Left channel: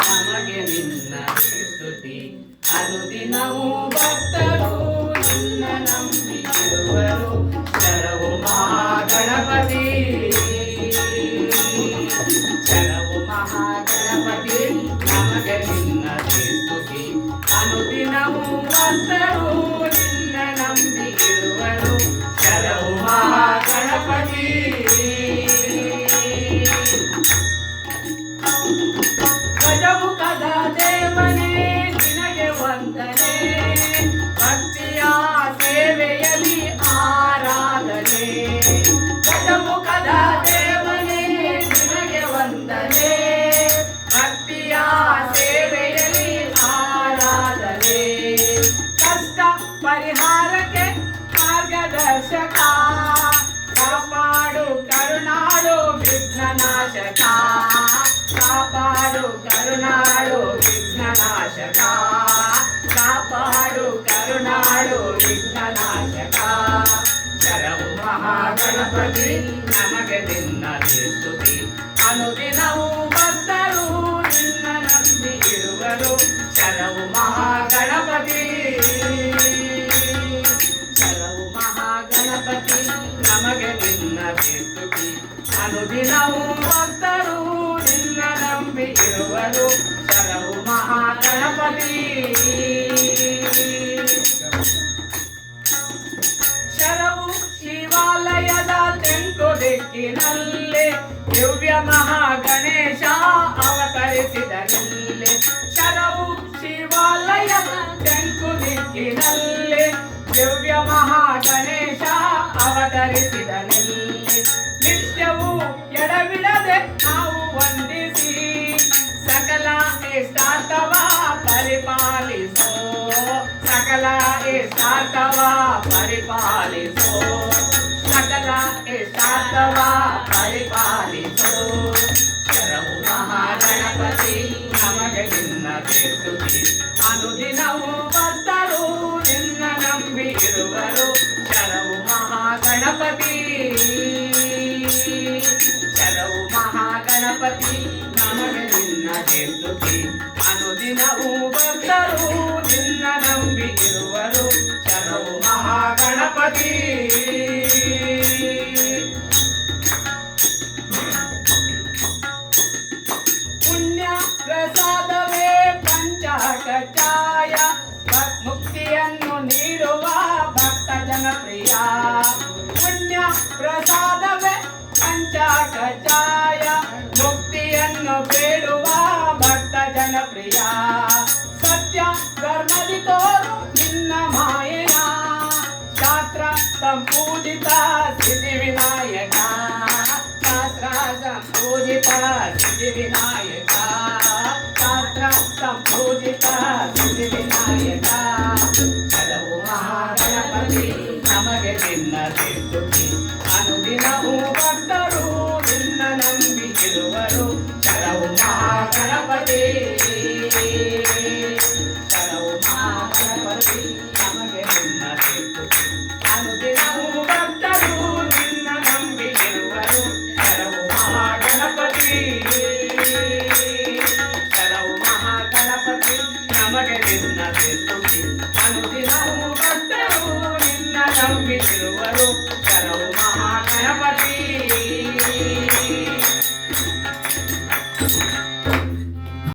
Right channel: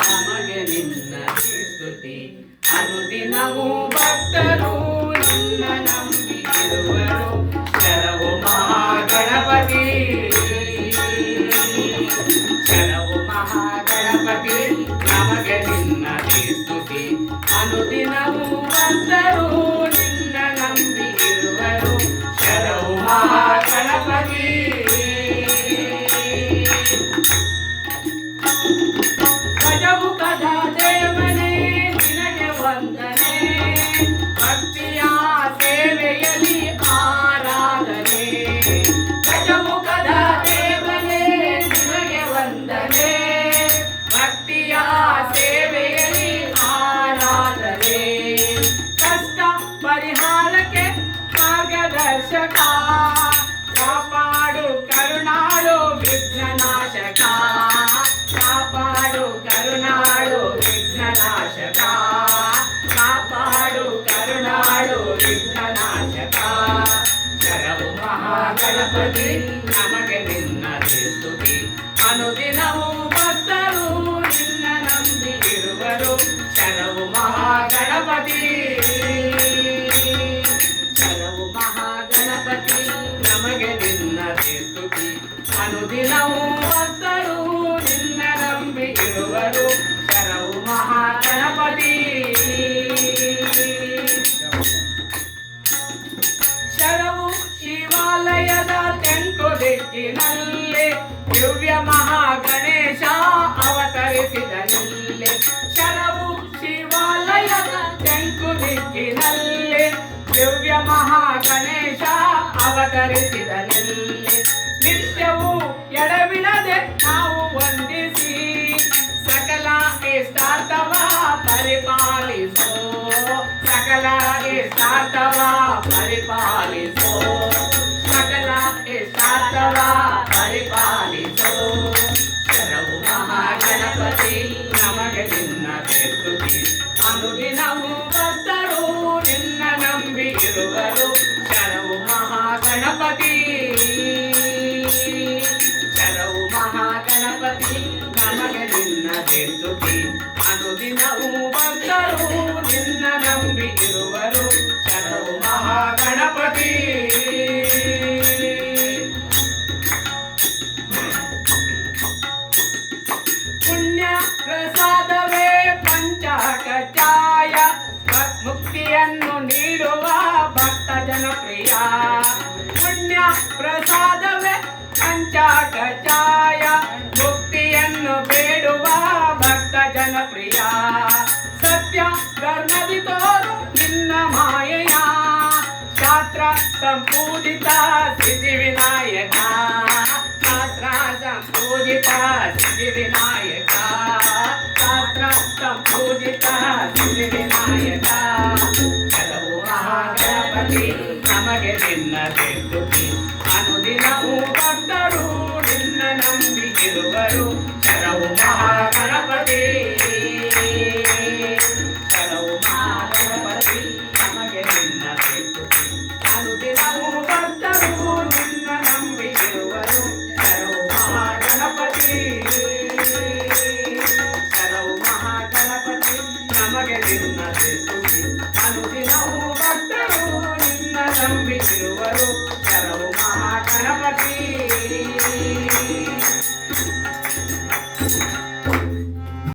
ನಮಗೆ ನಿನ್ನ ಸ್ತುತಿ ಅನುದಿನವೂ ಭಕ್ತರು ನಿನ್ನ ನಂಬಿರುವರು ಶರಣು ಮಹಾಗಣಪತಿ ಶರಣು ಮಹಾಗಣಪತಿ ನಮಗೆ ನಿನ್ನ ಸ್ತುತಿ ಅನುದಿನವೂ ಭಕ್ತರು ನಿನ್ನ ನಂಬಿರುವರು ಶರಣು ಮಹಾಗಣಪತಿ ಗಜಮುಖದ ದೇವನೇ ನಿನಗೆ ವಂದನೆ ಭಕ್ತಿಯ ಸೇವೆಯಲ್ಲಿ ಆರಾಧನೆ ಗಜಮುಖದ ದೇವನೇ ನಿನಗೆ ವಂದನೆ ಭಕ್ತಿಯ ಸೇವೆಯಲ್ಲಿ ಆರಾಧನೆ ಕಷ್ಟ ಪರಿಹಾರಕ್ಕೆ ಮಾರ್ಗದರ್ಶಕ ಕಾಪಾಡು ಕರುಣಾಳು ವಿಘ್ನನಾಶಕ ಕಾಪಾಡು ಕರುಣಾಳು ವಿಘ್ನನಾಶಕ ಕಾಪಾಡು ಕರುಣಾಳು ವಿಘ್ನನಾಶಕ ಶರಣು ಮಹಾಗಣಪತಿ ನಮಗೆ ನಿನ್ನ ಸ್ತುತಿ ಅನುದಿನವೂ ಭಕ್ತರು ನಿನ್ನ ನಂಬಿರುವರು ಶರಣು ಮಹಾಗಣಪತಿ ಶರಣು ಮಹಾಗಣಪತಿ ನಮಗೆ ನಿನ್ನ ಸ್ತುತಿ ಅನುದಿನವೂ ಭಕ್ತರು ನಿನ್ನ ನಂಬಿರುವರು ಶರಣು ಮಹಾಗಣಪತಿ ಶರಣು ಶಿವಾಲಯದ ತೆಂಕು ದಿಕ್ಕಿನಲ್ಲಿ ದಿವ್ಯ ಮಹಾಗಣೇಶ ಅವತರಿಸಿದನಿಲ್ಲಿ ಶರಣು ಶಿವಾಲಯದ ತೆಂಕು ದಿಕ್ಕಿನಲ್ಲಿ ದಿವ್ಯ ಮಹಾಗಣೇಶ ಅವತರಿಸಿದನಿಲ್ಲಿ ನಿತ್ಯವೂ ಎಡಬಿಡದೆ ನಾವು ವಂದಿಸಿ ಸಕಲ ಇಷ್ಟಾರ್ಥವ ಪರಿಪಾಲಿಸೋ ಸಕಲ ಇಷ್ಟಾರ್ಥವ ಪರಿಪಾಲಿಸೋ ಸಕಲ ಇಷ್ಟಾರ್ಥವ ಪರಿಪಾಲಿಸೋ ಶರಣು ಮಹಾಗಣಪತಿ ನಮಗೆ ನಿನ್ನ ಸ್ತುತಿ ಅನುದಿನವೂ ಭಕ್ತರು ನಿನ್ನ ನಂಬಿರುವರು ಶರಣು ಮಹಾಗಣಪತಿ ಶರಣು ಮಹಾಗಣಪತಿ ನಮಗೆ ನಿನ್ನ ಸ್ತುತಿ ಅನುದಿನವೂ ಭಕ್ತರು ನಿನ್ನ ನಂಬಿರುವರು ಶರಣು ಮಹಾಗಣಪತಿ ಪುಣ್ಯ ಪ್ರಸಾದವೇ ಪಂಚಕಚಾಯ ಮುಕ್ತಿಯನ್ನು ನೀಡುವ ಭಕ್ತ ಜನಪ್ರಿಯ ಪುಣ್ಯ ಪ್ರಸಾದವೇ ಪಂಚಕಚಾಯ ಮುಕ್ತಿಯನ್ನು ಬೇಡುವ ಭಕ್ತ ಜನಪ್ರಿಯ ಸತ್ಯ ಧರ್ಮದಿ ತೋರು ನಿನ್ನ ಮಾಯೆಯ ಶಾಸ್ತ್ರ ಸಂಪೂಜಿತ ಸಿದ್ಧಿ ವಿನಾಯಕ ಶಾಸ್ತ್ರ ಸಂಪೂಜಿತ ಸಿದ್ಧಿ ವಿನಾಯಕ ಶಾಸ್ತ್ರ ಸಂಪೂಜಿತ ಸಿದ್ಧಿ ವಿನಾಯಕ ಶರಣು ಮಹಾಗಣಪತಿ ನಮಗೆ ನಿನ್ನ ಸ್ತುತಿ ಅನುದಿನವೂ ಭಕ್ತರು ನಿನ್ನ ನಂಬಿರುವರು ಶರಣು ಮಹಾಗಣಪತಿ ಶರಣು ಮಹಾಗಣಪತಿ ನಮಗೆ ನಿನ್ನ ಸ್ತುತಿ ಅನುದಿನವೂ ಭಕ್ತರು ನಿನ್ನ ನಂಬಿರುವರು ಶರಣು ಮಹಾಗಣಪತಿ ಶರಣು ಮಹಾಗಣಪತಿ ನಮಗೆ ನಿನ್ನ ಸ್ತುತಿ ಅನುದಿನವೂ ಭಕ್ತರು ನಿನ್ನ ನಂಬಿರುವರು